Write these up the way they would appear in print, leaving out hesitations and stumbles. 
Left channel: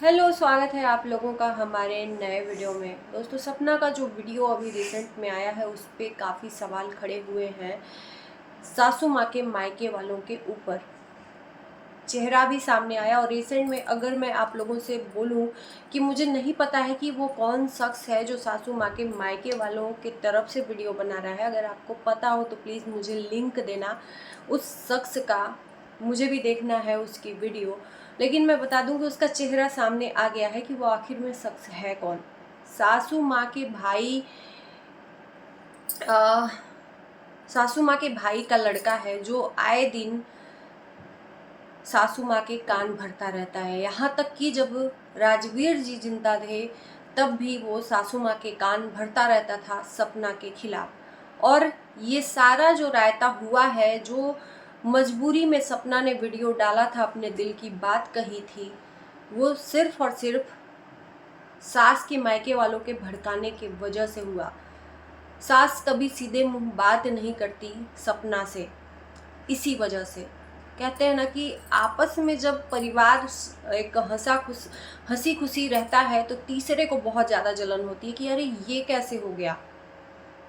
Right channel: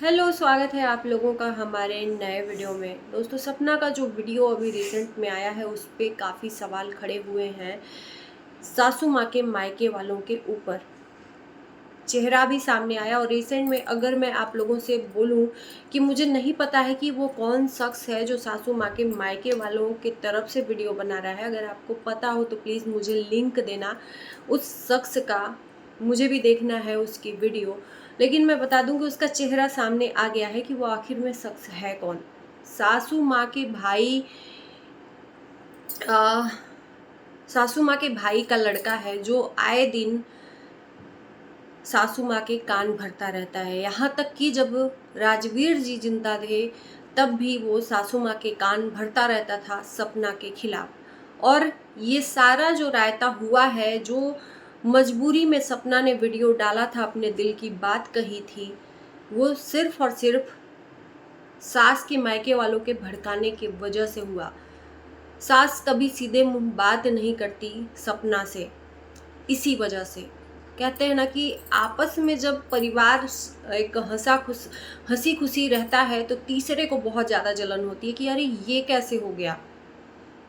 Hello, स्वागत है आप लोगों का हमारे नए वीडियो में। दोस्तों, सपना का जो वीडियो अभी रिसेंट में आया है उस पे काफ़ी सवाल खड़े हुए हैं सासू माँ के मायके वालों के ऊपर। चेहरा भी सामने आया और रिसेंट में अगर मैं आप लोगों से बोलूं कि मुझे नहीं पता है कि वो कौन शख्स है जो सासू माँ के मायके वालों की तरफ से वीडियो बना रहा है। अगर आपको पता हो तो प्लीज़ मुझे लिंक देना उस शख्स का, मुझे भी देखना है उसकी वीडियो। लेकिन मैं बता दूं कि उसका चेहरा सामने आ गया है कि वो आखिर में शख्स है कौन। सासू माँ के भाई आ, सासू माँ के भाई का लड़का है जो आए दिन सासू माँ के कान भरता रहता है। यहाँ तक कि जब राजवीर जी जिंदा थे तब भी वो सासू माँ के कान भरता रहता था सपना के खिलाफ। और ये सारा जो रायता हुआ है, जो मजबूरी में सपना ने वीडियो डाला था, अपने दिल की बात कही थी, वो सिर्फ और सिर्फ सास के मायके वालों के भड़काने की वजह से हुआ। सास कभी सीधे मुंह बात नहीं करती सपना से, इसी वजह से। कहते हैं ना कि आपस में जब परिवार एक हंसी खुशी रहता है तो तीसरे को बहुत ज़्यादा जलन होती है कि अरे ये कैसे हो गया,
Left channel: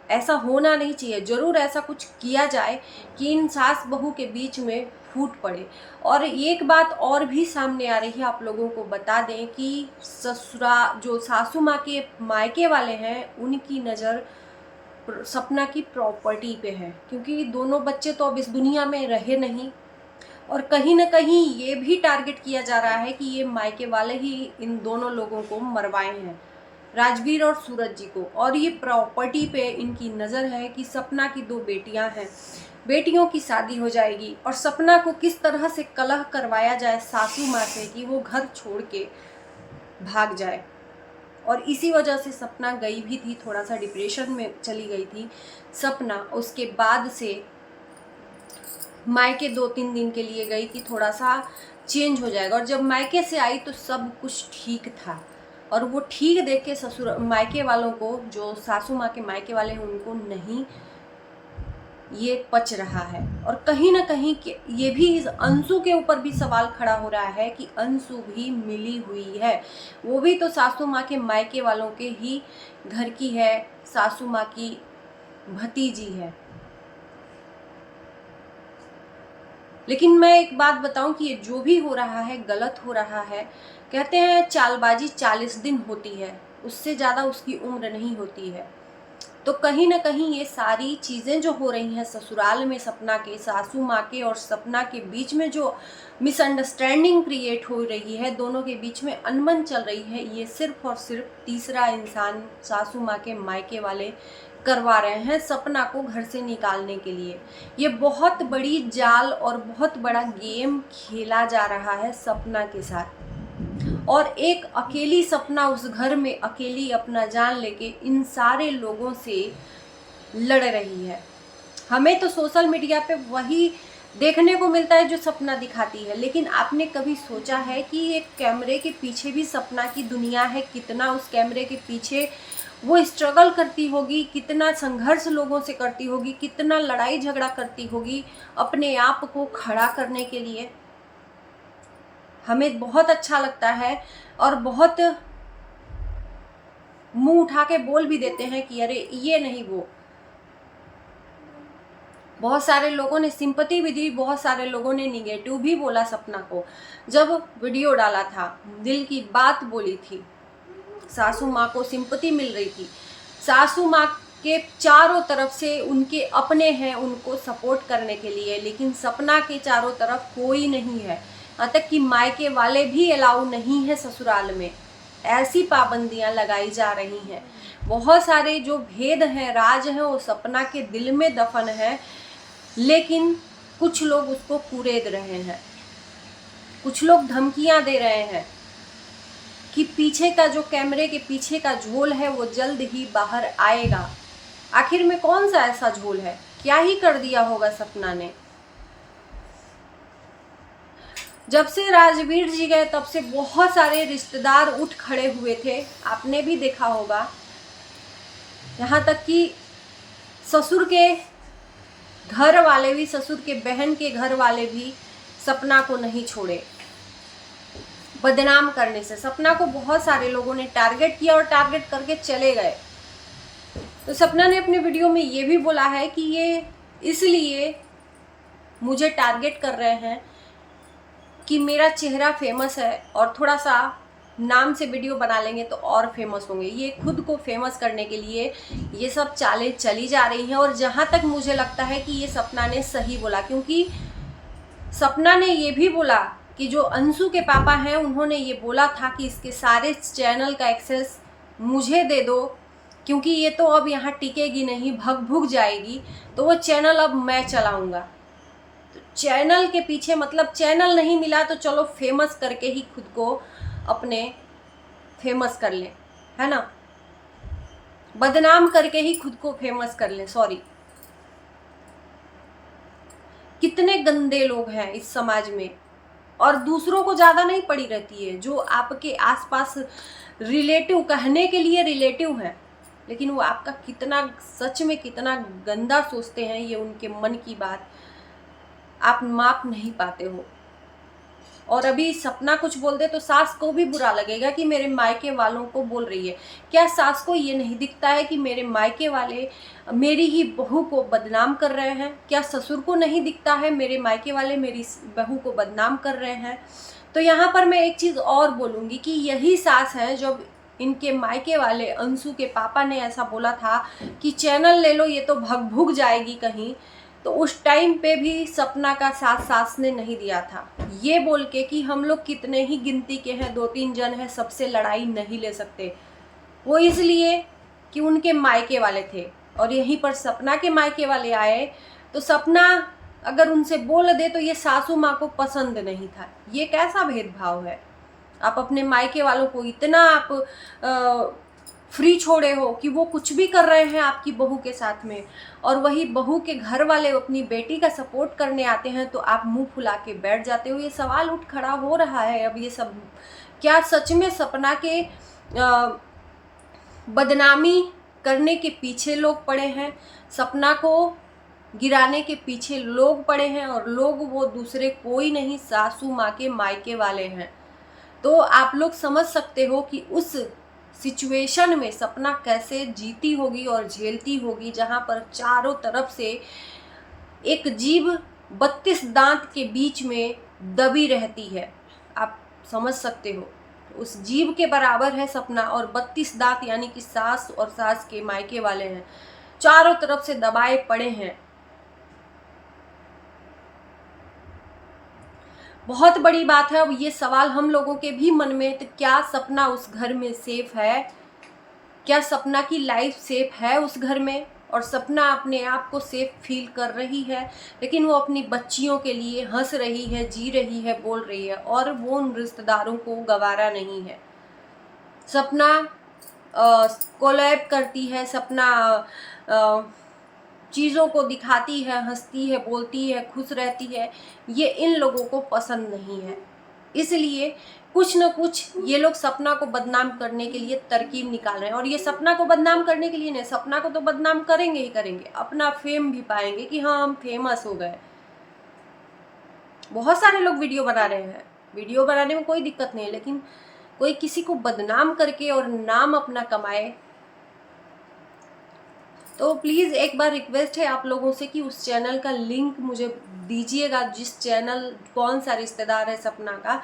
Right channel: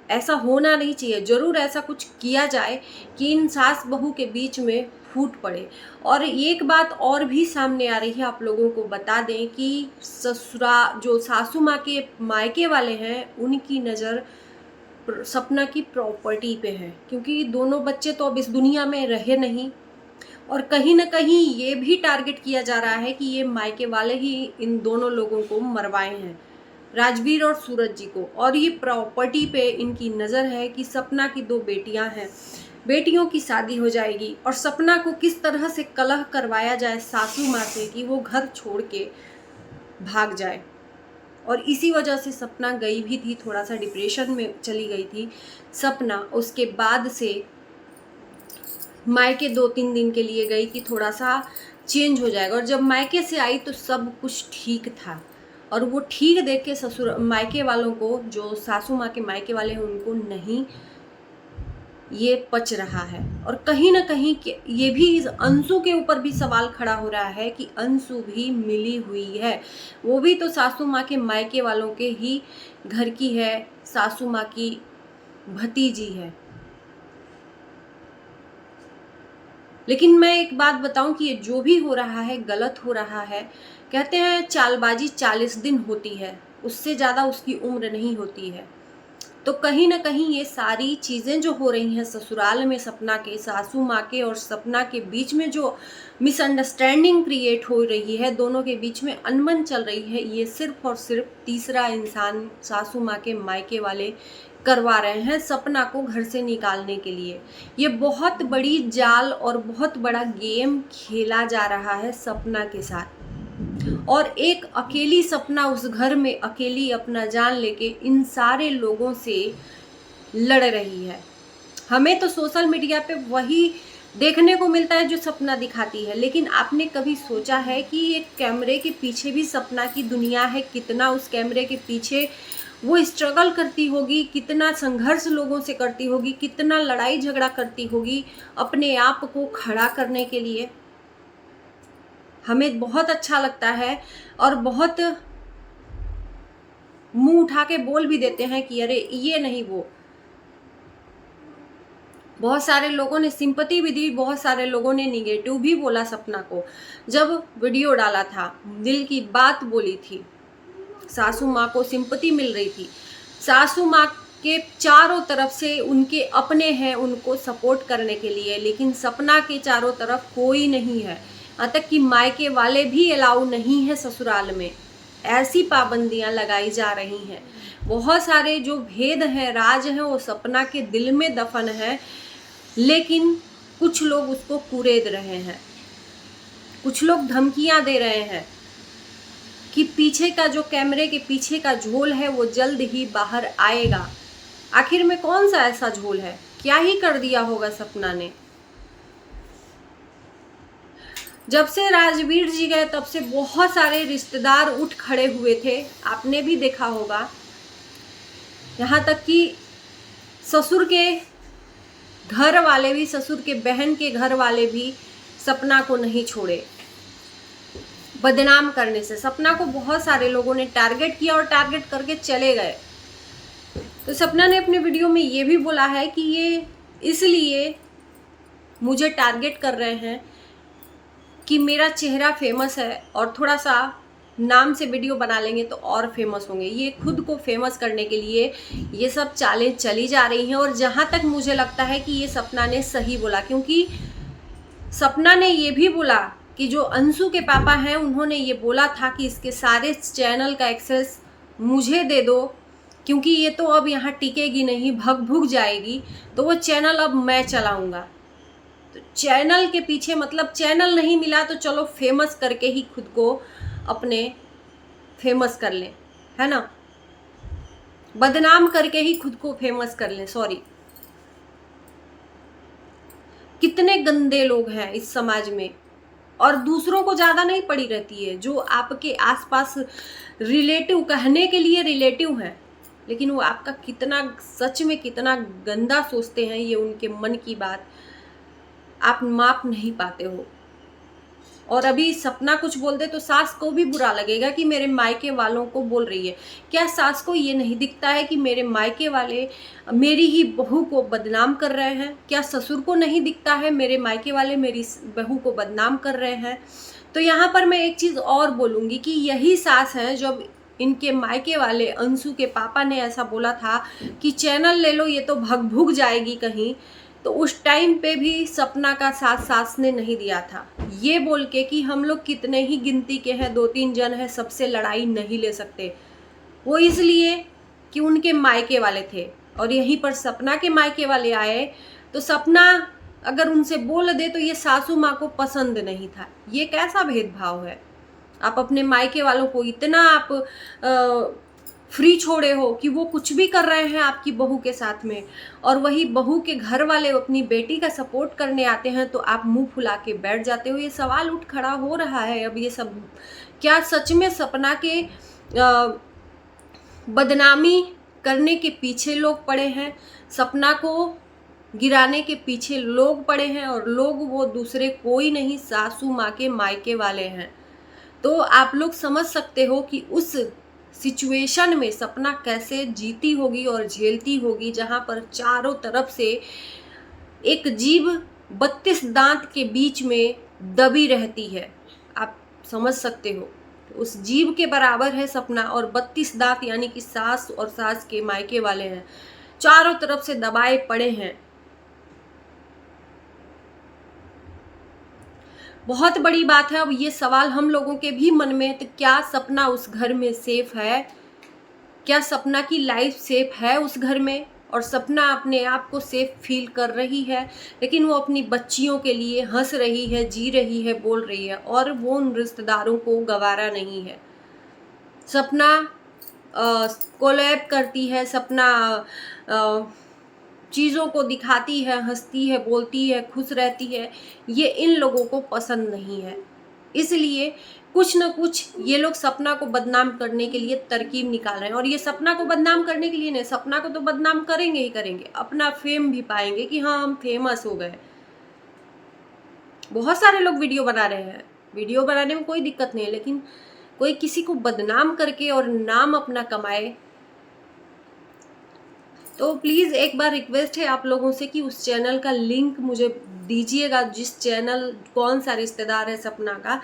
ऐसा होना नहीं चाहिए। ज़रूर ऐसा कुछ किया जाए कि इन सास बहू के बीच में फूट पड़े। और एक बात और भी सामने आ रही है, आप लोगों को बता दें कि ससुरा जो सासू माँ के मायके वाले हैं उनकी नज़र सपना की प्रॉपर्टी पे है, क्योंकि दोनों बच्चे तो अब इस दुनिया में रहे नहीं। और कहीं ना कहीं ये भी टारगेट किया जा रहा है कि ये मायके वाले ही इन दोनों लोगों को मरवाए हैं, राजवीर और सूरज जी को। और ये प्रॉपर्टी पे इनकी नज़र है कि सपना की 2 बेटियां हैं, बेटियों की शादी हो जाएगी और सपना को किस तरह से कलह करवाया जाए सासू माँ से कि वो घर छोड़ के भाग जाए। और इसी वजह से सपना गई भी थी, थोड़ा सा डिप्रेशन में चली गई थी सपना। उसके बाद से मायके 2-3 दिन के लिए गई कि थोड़ा सा चेंज हो जाएगा। और जब मायके से आई तो सब कुछ ठीक था। और वो ठीक देख के ससुर मायके वालों को, जो सासू माँ के मायके वाले हैं, उनको नहीं ये पच रहा है। और कहीं ना कहीं ये भी इस अंशु के ऊपर भी सवाल खड़ा हो रहा है कि अंशु भी मिली हुई है, वो भी तो सासू माँ के मायके वालों के ही घर की है, सासू माँ की भतीजी है। लेकिन मैं एक बात बताऊं कि ये जो भी हो रहा है गलत हो रहा है। कहते हैं चालबाजी 40 दिन होती है, उससे ज़्यादा उसकी उम्र नहीं होती है। तो कहीं ना कहीं ये सारी चीज़ें जो हो रही हैं ससुराल में, सपना के सासू माँ के और सपना के बीच में जो मिसअंडरस्टैंडिंग क्रिएट हो रही है, दोनों के बीच में अनबन चल रही है, ये सिर्फ और सिर्फ तीसरा इंसान सासू माँ के मायके वाले करवा रहे हैं सपना को घर से निकालने के लिए। ये बहुत बड़ी जाल और बहुत बड़ा गेम खेला जा रहा है सपना के साथ। और एक अकेली सपना उस घर में अकेली अपना जान लेके इन सारे लोगों से लड़ रही है। हमें तो सोशल मीडिया पे वही देखने को मिलता है जो सपना दिखाती है, लेकिन आपने कभी सोचा है कि एक कैमरे के पीछे भी सपना की दुनिया है? कितना उस कैमरे के पीछे वो स्ट्रगल करती होगी, कितना संघर्ष लोगों से करती होगी, कितना लड़ाई झगड़ा करती होगी अपने आप को खड़ा करने के लिए। हमें बहुत अच्छा लगता है और बहुत मुंह उठा के बोल भी देते हैं कि अरे ये नहीं वो। बहुत सारे लोगों ने सिंपैथी भी दी, बहुत सारे लोगों ने निगेटिव भी बोला सपना को। जब वीडियो डाला था, दिल की बात बोली थी, सासू माँ को सिंपैथी मिल रही थी, सासू माँ के चारों तरफ से उनके अपने हैं उनको सपोर्ट करने के लिए, लेकिन सपना के चारों तरफ कोई नहीं है। यहाँ तक कि मायके वाले भी अलाउ नहीं है ससुराल में, ऐसी पाबंदियां लगाई जा रही हैं। बहुत सारे जो भेद हैं, राज हैं, वो सपना के दिल में दफन है, लेकिन कुछ लोग उसको कुरेद रहे हैं, कुछ लोग धमकियां दे रहे हैं कि पीछे का जो कैमरे के पीछे का झोल है वो जल्द ही बाहर आएगा। आखिर में कौन सा ऐसा झोल है? क्या ही कर दिया होगा सपना ने? जब से राजवीर जी गए तब से बहुत सारे रिश्तेदार उठ खड़े हुए थे, आपने भी देखा होगा। यहाँ तक कि ससुर के घर वाले भी, ससुर के बहन के घर वाले भी सपना को नहीं छोड़े। बदनाम करने से। सपना को बहुत सारे लोगों ने टारगेट किया और टारगेट करके चले गए। तो सपना ने अपने वीडियो में ये भी बोला है कि ये इसलिए मुझे टारगेट कर रहे हैं कि मेरा चेहरा फेमस है और थोड़ा सा नाम से वीडियो बना लेंगे तो और फेमस होंगे। ये खुद को फेमस करने के लिए ये सब चालें चली जा रही हैं। और जहाँ तक मुझे लगता है कि ये सपना ने सही बोला, क्योंकि सपना ने ये भी बोला कि जो अंशु के पापा हैं उन्होंने ये बोला था कि इसके सारे चैनल का एक्सेस मुझे दे दो, क्योंकि ये तो अब यहाँ टिकेगी नहीं, भग भुग जाएगी, तो वो चैनल अब मैं चलाऊँगा। तो चैनल के पीछे मतलब चैनल नहीं मिला तो चलो फेमस करके ही खुद को अपने फेमस कर लें, है ना, बदनाम करके ही खुद को फेमस कर लें। सॉरी, कितने गंदे लोग हैं इस समाज में, और दूसरों को ज़्यादा नहीं पड़ी रहती है। जो आपके आसपास रिलेटिव, कहने के लिए रिलेटिव है, लेकिन वो आपका कितना सच में कितना गंदा सोचते हैं, ये उनके मन की बात आप माप नहीं पाते हो। और अभी सपना कुछ बोल दे तो सास को भी बुरा लगेगा कि मेरे मायके वालों को बोल रही है। क्या सास को ये नहीं दिखता है कि मेरे मायके वाले मेरी ही बहू को बदनाम कर रहे हैं? क्या ससुर को नहीं दिखता है मेरे मायके वाले मेरी बहू को बदनाम कर रहे हैं? तो यहाँ पर मैं एक चीज़ और बोलूँगी कि यही सास है, जब इनके मायके वाले अंशु के पापा ने ऐसा बोला था कि चैनल ले लो, ये तो भग भुग जाएगी कहीं, तो उस टाइम पे भी सपना का साथ सास ने नहीं दिया था, ये बोल के कि हम लोग कितने ही गिनती के हैं, 2-3 जन हैं, सबसे लड़ाई नहीं ले सकते। वो इसलिए कि उनके मायके वाले थे, और यहीं पर सपना के मायके वाले आए तो सपना अगर उनसे बोल दे तो ये सासू माँ को पसंद नहीं था। ये कैसा भेदभाव है? आप अपने मायके वालों को इतना आप फ्री छोड़े हो कि वो कुछ भी कर रहे हैं आपकी बहू के साथ में, और वही बहू के घर वाले अपनी बेटी का सपोर्ट करने आते हैं तो आप मुंह फुला के बैठ जाते हो। ये सवाल उठ खड़ा हो रहा है अब, ये सब क्या सच में सपना के बदनामी करने के पीछे लोग पड़े हैं? सपना को गिराने के पीछे लोग पड़े हैं, और लोग वो दूसरे कोई नहीं, सासू माँ के मायके वाले हैं। तो आप लोग समझ सकते हो कि उस सिचुएशन में सपना कैसे जीती होगी और झेलती होगी, जहाँ पर चारों तरफ से एक जीभ 32 दांत के बीच में दबी रहती है। आप समझ सकते हो, उस जीभ के बराबर है सपना, और 32 दांत यानी कि सास और सास के मायके वाले हैं, चारों तरफ से दबाए पड़े हैं। बहुत बड़ी बात है। अब ये सवाल हम लोगों के भी मन में, तो क्या सपना उस घर में सेफ है? क्या सपना की लाइफ सेफ है उस घर में? और सपना अपने आप को सेफ फील कर रही है, लेकिन वो अपनी बच्चियों के लिए हंस रही है, जी रही है, बोल रही है, और वो उन रिश्तेदारों को गवारा नहीं है। सपना कोलैब करती है, सपना चीज़ों को दिखाती है, हंसती है, बोलती है, खुश रहती है, ये इन लोगों को पसंद नहीं है। इसलिए कुछ न कुछ ये लोग सपना को बदनाम करने के लिए तरकीब निकाल रहे हैं। और ये सपना को बदनाम करने के लिए नहीं, सपना को तो बदनाम करेंगे ही करेंगे, अपना फेम भी पाएंगे कि हाँ हम फेमस हो गए। बहुत सारे लोग वीडियो बना रहे हैं, वीडियो बनाने में कोई दिक्कत नहीं है, लेकिन कोई किसी को बदनाम करके और नाम अपना कमाए। तो प्लीज़ एक बार रिक्वेस्ट है आप लोगों से कि उस चैनल का लिंक मुझे दीजिएगा, जिस चैनल, कौन सा रिश्तेदार है सपना का,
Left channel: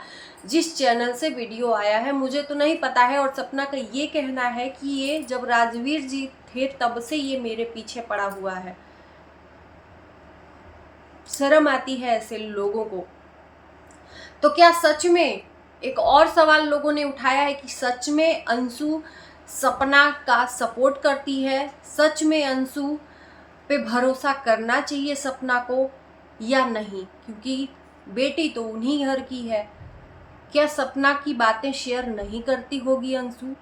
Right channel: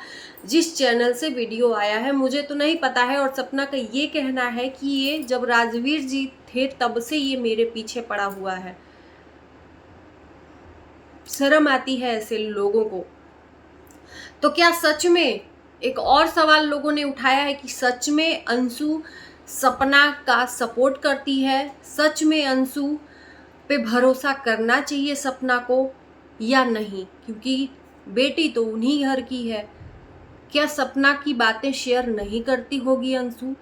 जिस चैनल से वीडियो आया है, मुझे तो नहीं पता है। और सपना का ये कहना है कि ये जब राजवीर जी थे तब से ये मेरे पीछे पड़ा हुआ है। शर्म आती है ऐसे लोगों को। तो क्या सच में, एक और सवाल लोगों ने उठाया है कि सच में अंशु सपना का सपोर्ट करती है? सच में अंशु पे भरोसा करना चाहिए सपना को या नहीं? क्योंकि बेटी तो उन्हीं घर की है। क्या सपना की बातें शेयर नहीं करती होगी अंशु?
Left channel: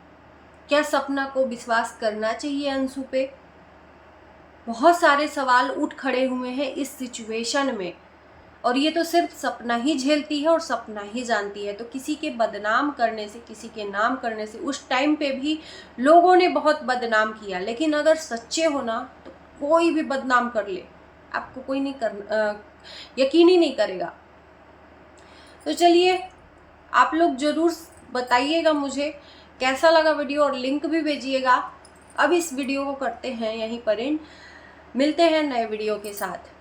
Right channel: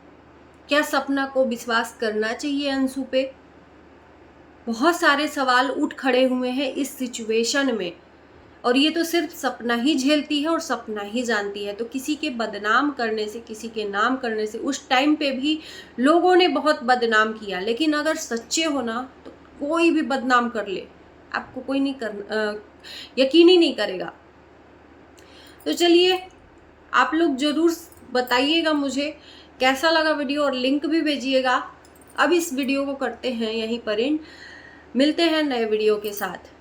क्या सपना को विश्वास करना चाहिए अंशु पे? बहुत सारे सवाल उठ खड़े हुए हैं इस सिचुएशन में, और ये तो सिर्फ सपना ही झेलती है और सपना ही जानती है। तो किसी के बदनाम करने से, किसी के नाम करने से, उस टाइम पे भी लोगों ने बहुत बदनाम किया, लेकिन अगर सच्चे हो ना तो कोई भी बदनाम कर ले, आपको कोई नहीं यकीन ही नहीं करेगा। तो चलिए, आप लोग ज़रूर बताइएगा मुझे कैसा लगा वीडियो, और लिंक भी भेजिएगा। अब इस वीडियो को करते हैं यहीं पर एंड, मिलते हैं नए वीडियो के साथ।